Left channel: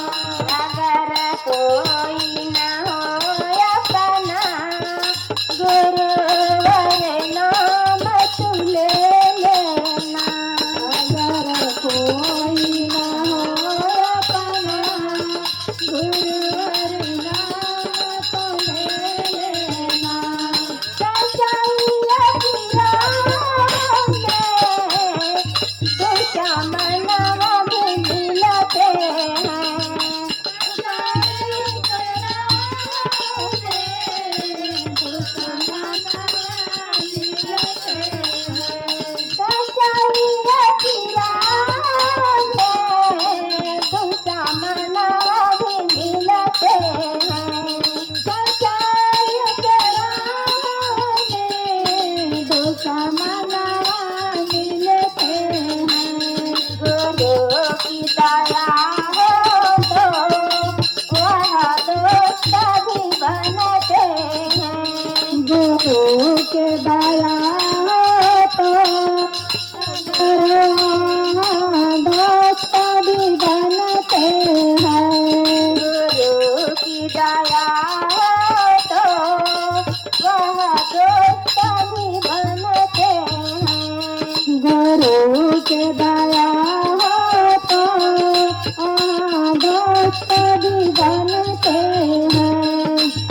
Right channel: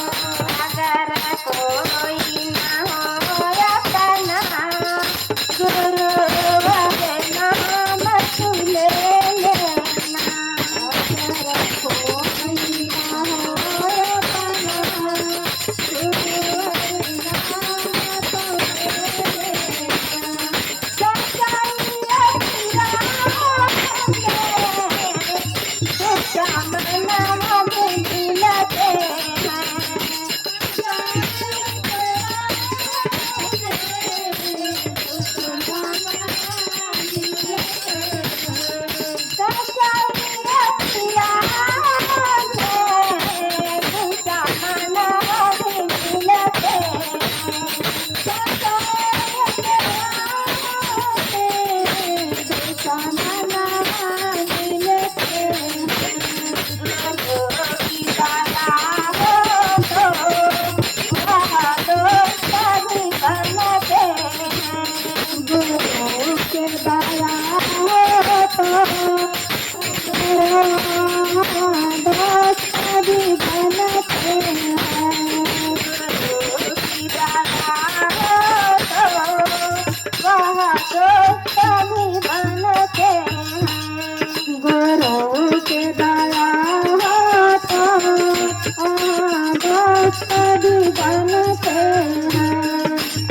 अगर कोई न हो अपना गुरुवर नाम तू ले लेना। अगर कोई न हो अपना गुरुवर नाम तू ले लेना। सच्चाई तुझा मनवा मिलते गुरु के बाया तो दोस्त भी बनते हैं। गुरु की दया तो वह दोस्त भी बनते हैं। गुरु के दया तो दोस्त भी बनते हैं।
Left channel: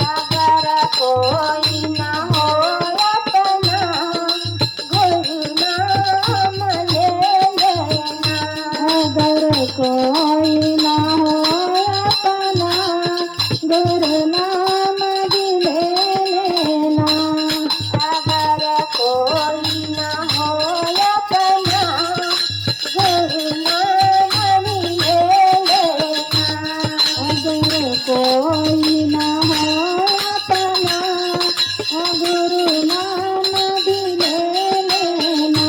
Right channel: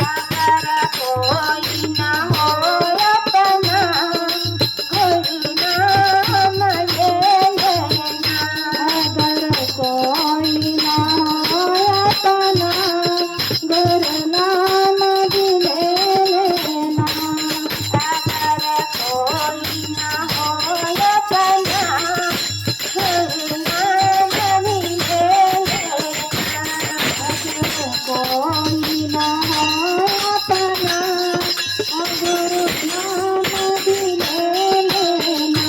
अगर कोई न हो अपना गुरु नाम ले लेना। अगर कोई न हो अपना गुरु नाम भी ले लेना। अगर कोई न हो अपना गुरु नाम भी ले लेना। अगर कोई न हो अपना गुरु नाम भी ले लेना।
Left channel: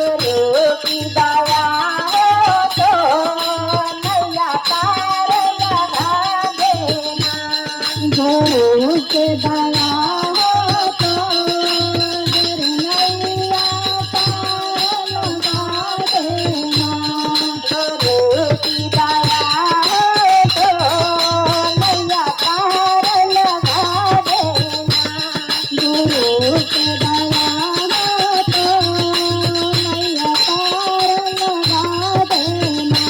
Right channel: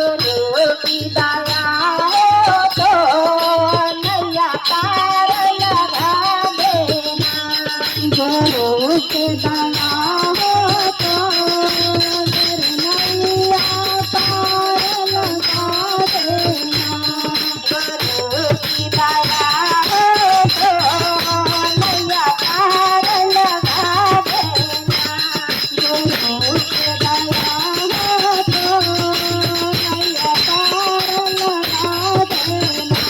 गुरु के दया हो तो नैया पार लगा देना। गुरु की दया हो तो नैया पार लगा देना। गुरु के दया हो तो नैया पार लगा देना।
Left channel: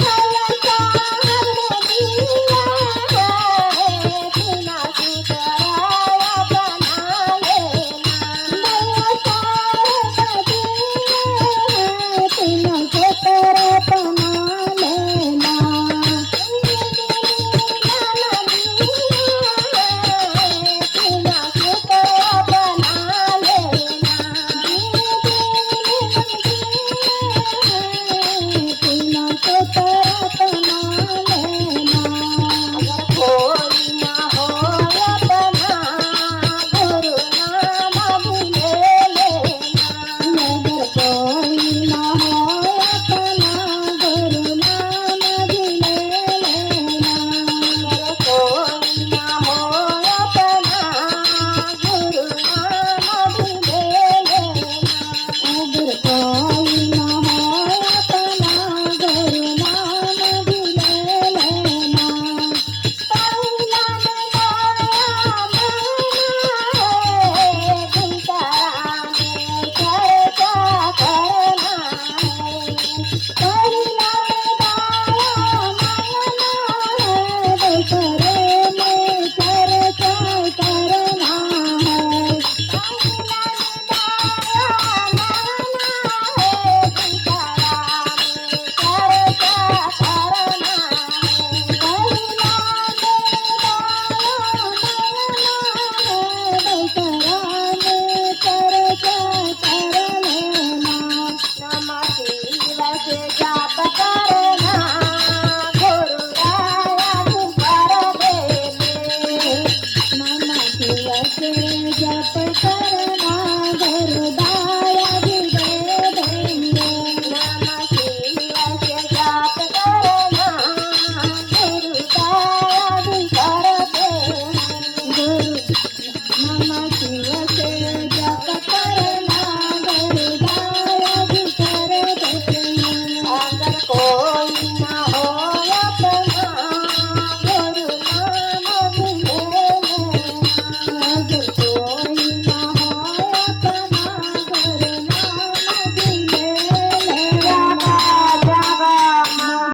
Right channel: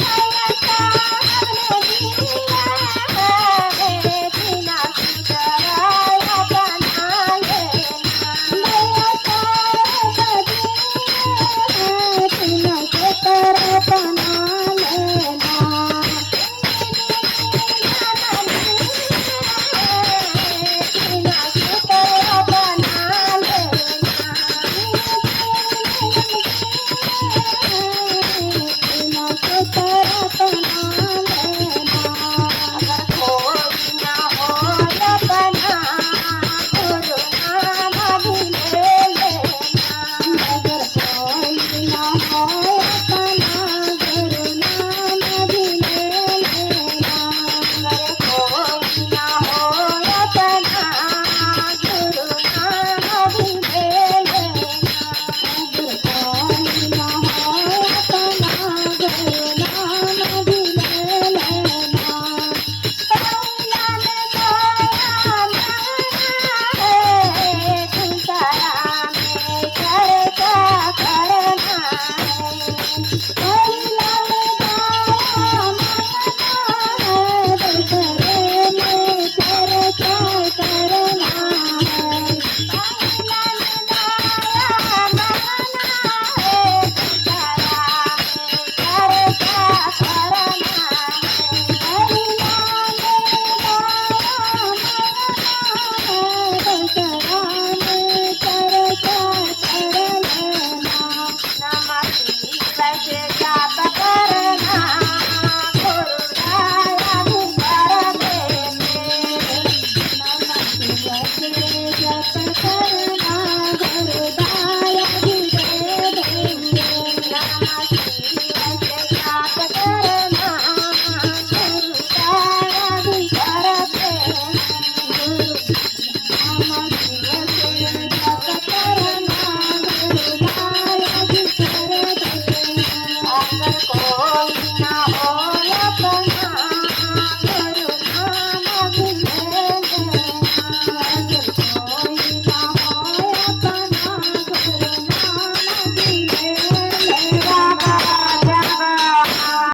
नैया पार बिना शिवाचे जप करना गुरुदायाजी दे देंगे नाम शिवाचे जप करना गुरुदायाजी कर देंगे गुरु